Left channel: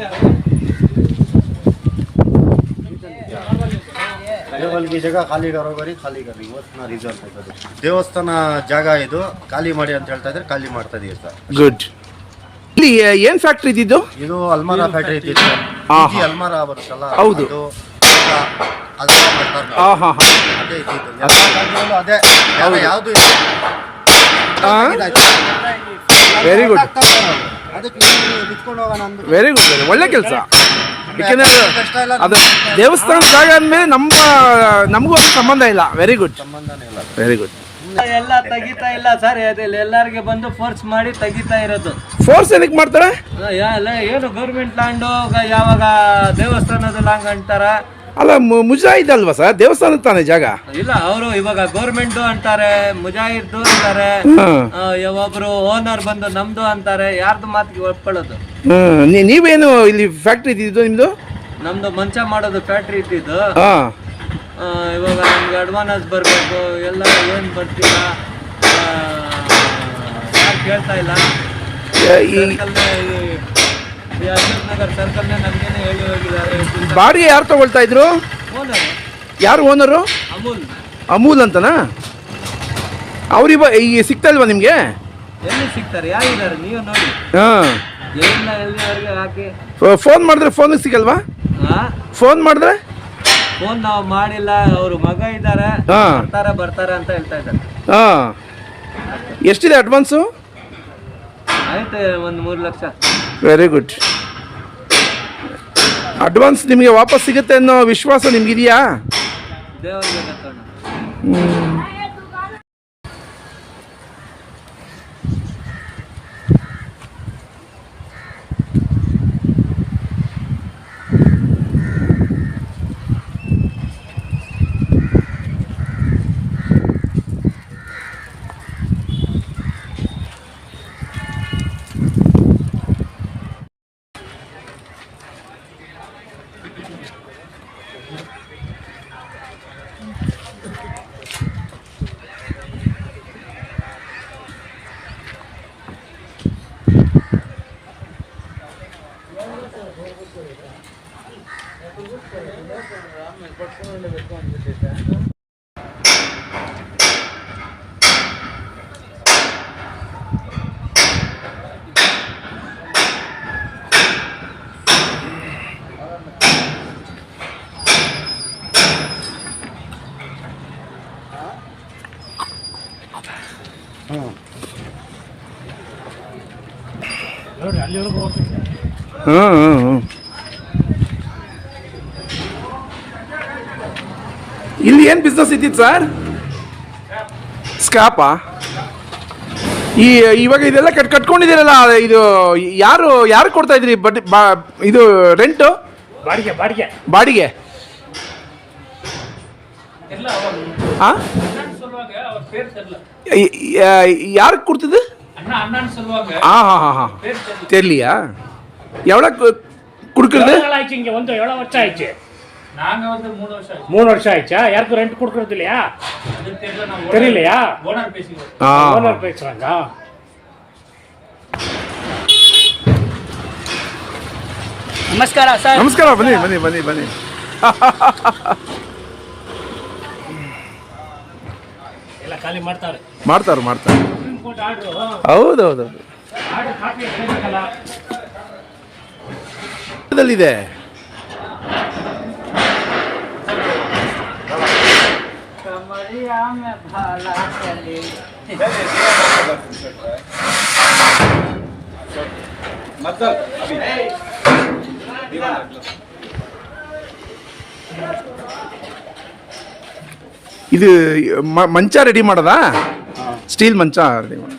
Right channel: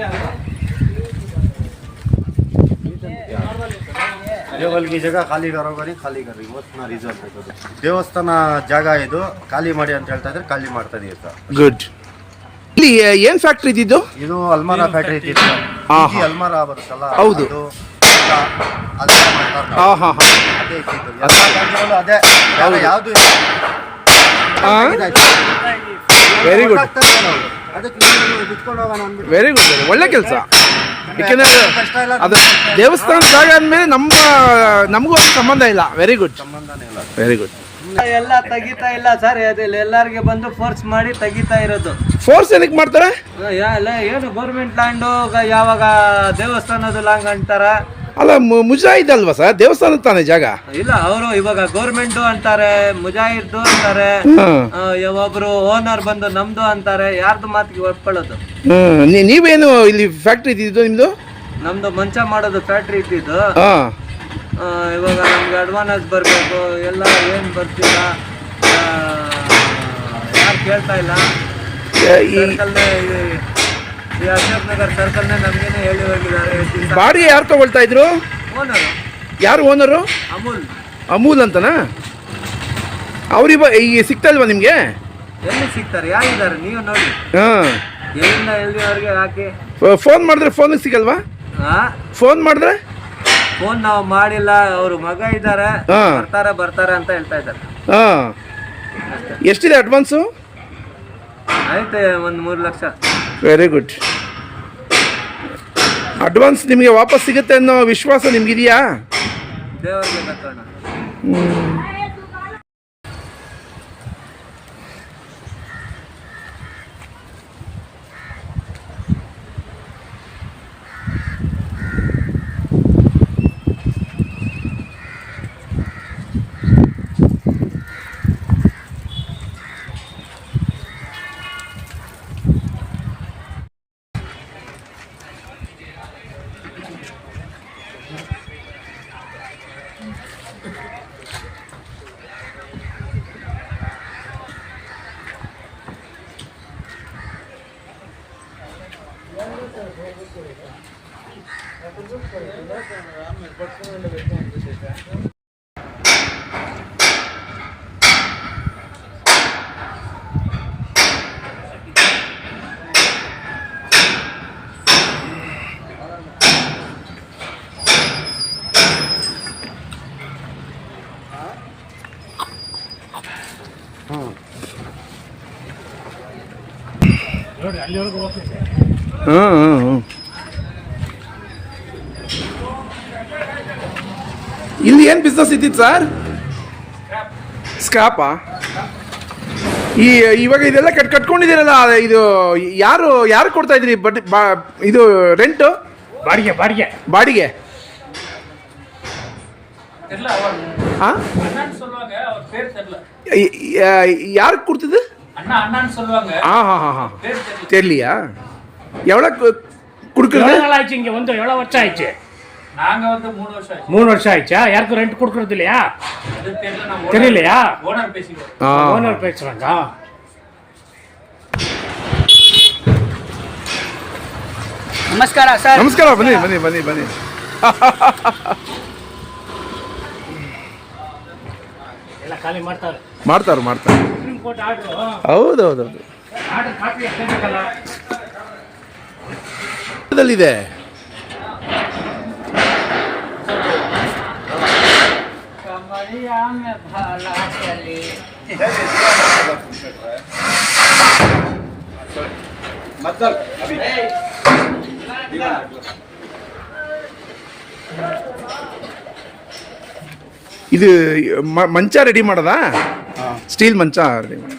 Yeah. ದೇವಲ್ಗಿ ಜಾಗ ಖಾಲಿ ಕರೋ ಬರೀ ಖಾಲಿ ಕರೋ ಇವತ್ತು ರಿಸರ್ವ್ ದೇವಸ್ಥಾನ ಜಾಗ ಇದು ಖಾಲಿ ಮಾಡಿ ಅಂತ ಹೇಳ್ತಾ ಇದ್ರೆ ಖಾಲಿ ಮಾಡ್ತಾ ಅಂತ ಗುಡ್ ಇಲ್ಲಿ ಏನು ಫ್ಯಾಕ್ಟ್ರಿ ಇದ್ದಿದ್ದು? ಇದು ಅಲ್ಮಾರಾ ಫ್ಯಾಕ್ಟ್ರಿ ಇದ್ದಿತ್ತು ಸರ್. ಆಹಾ. ಅಲ್ಮಾರಾ ಬರುತ್ತಲ್ಲ ಹೌದು. ಅದು ಈಗ ಅದನ್ನ ಮಾಡ್ತಾರೆ ನಾವು. ಹಾ ಹಾ. ಅದೇ ಇದ್ದಿದ್ದು. ಎಲ್ಲ ಜಾಗದಲ್ಲೂ ಅದೇ. ಜಾಗ ಯಾವ್ದು ಇಲ್ಲ. ಹಾಂ ಅದಕ್ಕೆ ಬಿಟ್ಕೊಂಡು ಹೋಗೋಣ ಅಂದ್ಬಿಟ್ಟು. ವೆರಿ ಗುಡ್ ವೆರಿ ಒಳ್ಳೆ ಕೆಲಸ. ಯಾಕೆಂದ್ರೆ ಅದು ದೇವಸ್ಥಾನ ಜಾಗ ಅಂದ್ಮೇಲೆ ನಮ್ಮ ನಮಗೂ ಅದು ಸಂಬಂಧ ಇಲ್ಲ. ವೆರಿ ಗುಡ್ ಸಂಬಂಧನೇ ಇಲ್ಲ. ವೆರಿ ಗುಡ್ ಎಲ್ಲ ತೆಗಿತಾ ಇಲ್ಲ ಸರ್ ಎಲ್ಲರಿಗೆ ಬಂದು ಫೋರ್ಸ್ ಮಾಡಿ ತೆಗಿತಾ ಇರೋದು. ಫೋರ್ಸ್ ಏನಕ್ಕೆ ಮಾಡ್ತಾರೆ? ಏನು ಗೌರ್ಮೆಂಟ್ ಲ್ಯಾಂಡು ಯಾವಾಗ ದೇವಸ್ಥಾನದ ಲಾಂಗ್ ಅಂತಾರ? ಅಲ್ಲ ಮುಜಾಹಿದ್ ಅಲ್ವಾ ಸರ್? ದೇವಸ್ಥಾನ ತಾನೇ ಜಾಗ? ಇಲ್ಲ ಅವರು ಇವಾಗ ಗೌರ್ಮೆಂಟ್ ಅಂತಾರೆ ಮುಜಾಹಿದ್ ಅಂತಾರೆ ಒಬ್ರು ಓನರ್ ಬಂದು ನಮ್ದು ಅಂತಾರೆ ಯಾರ್ದು ಮಾತಿಗೆ ಒಪ್ಕೊಳ್ಳೋದು. ನೀವೇನು ಇಲ್ಲಿ ಫ್ಯಾಕ್ಟ್ರಿ ಇದ್ದಿದ್ದು ನಿಮ್ದು? ನಮ್ದು ಮಂಚ ಮಾಡೋದು ಫ್ಯಾಕ್ಟ್ರಿ ಇದ್ದಿದ್ದು. ಇವಾಗ ನಮ್ಗೆ ಅಡ್ವಾನ್ಸ್ ಬರಬೇಕು ಎಲ್ಲ ಏನು ಬರ್ತಿಲ್ಲ ಯಾರು ಕೇಳ್ತಾ ಇಲ್ಲ. ಈ ಅಶೋಕ್ ನಗರ್ ಸರ್ಕಲ್ನೇ ನಮ್ಗೇನೆ ಹೇಳಿ ಹೇಳಿದ್ದಾರೆ ಬಾಡಿಗೆ ಯಾರು ತಗೊಳ್ತಾ ಇದ್ರು? ಓನರು ಯಾರು ಓನರು ಅಮೂಲ್. ಅಮೂಲ್ ಅಂತನಾ? ಅವ್ರಿವ ಈ ಸಿಗ್ತಾ ಇಲ್ವಾ ನಿಮಗೆ? ಎಲ್ಲಿ ಸಿಗ್ತಾರೆ ಯಾರಿದ್ದಾರೆ? ನೀವು ನೋಡಿ. ಹಾಂ. ಎಲ್ಲಿಂದ ಎಲ್ಲಿವರೆಗೆ ಹಾಕಿ ಫೋನ್ ಮಾಡಿದ್ರೆ ಫೋನ್ ಸಿಗಲ್ವಾ? ಹಾ ಫೋನ್ ಮಾಡಿದ್ರೆ? ಫೋನ್ ನಾವು ಮಾಡಿಲ್ಲ ಅವ್ರ ಮಗ ಇದ್ದಾರೆ. ಹಾ. ಬರ್ತಾರೆ ಬರ್ತಾರೆ ಅಂತ ಹೇಳ್ತಾ ಇದ್ದಾರೆ. ಹಾಂ. ಎಷ್ಟಿದೆ ಅಡ್ವಾನ್ಸು ಆಯ್ತು ಒಂದು ಮೂರು ಲಕ್ಷ. ವೆರಿ ಗುಡ್ ಅಡ್ವಾನ್ಸ್ ನಿಮಗೆ ವಾಪಸ್ ಸಿಗುತ್ತೆ ಅನ್ನೋ ವಿಶ್ವಾಸ ನಿಮ್ಗಿದೆಯಾ? ದೇವರಿಗೆ 응, 응, 응. ಇಲ್ಲಿ ಏನು ಬಿಸ್ನೆಸ್ ಇದ್ದಿತ್ತು ಸರ್ ಸ್ಕ್ರಾಪಾ ಈ ಇವಾಗ ಇದೆಲ್ಲ ಕಟ್ ಕಟ್ಕೊಂಡಿದ್ದೀರಲ್ಲ ಇದು ಯಾರು ಯಾರು ಕೊಡ್ತಾ ಇದ್ರಿ ಬಟ್ ಬಾ ಇದು ರೆಂಟು ಬಾಡಿಗೆ ಬಾಡಿಗೆ ಬಾಡಿಗೆ ಹಾಂ சொல்லுவாங்க அவர் பேர் தெரியல ಯಾರು ಕೊಡ್ತಿದ್ದು அண்ணா அண்ணான்னு சொல்லுவாங்க ಹಾಂ ಹಾಂ ಹಾಂ ಹಾಂ பேர் தெரியல தெரியலையா எவ்வளோ கொடுக்குறது ಮೂರು ವರ್ಷ ಆಯ್ತಾ. ಯಾರು ರೆಂಟ್ ಕೊಡ್ಕೊಡ್ತಿಲ್ಲಯಾ ಅದು ಓನರ್ ನಮಸ್ಕಾರ ಸರ್. ನಮಸ್ಕಾರ ಬನ್ನಿ ಬನ್ನಿ ಬನ್ನಿ ಬನ್ನಿ. ಖಾಲಿ ಮಾಡ್ತಾರೆ ಮಾಡ್ತಾರೆ ಮಾಡ್ತಾರೆ ಹೌದೌದೌದು ಇದೆ चली राम भाला चली मतलब अभी இது மஞ்சா ரெடி மாடதா. ஸ்டீல் மஞ்சா ரெடி மாடா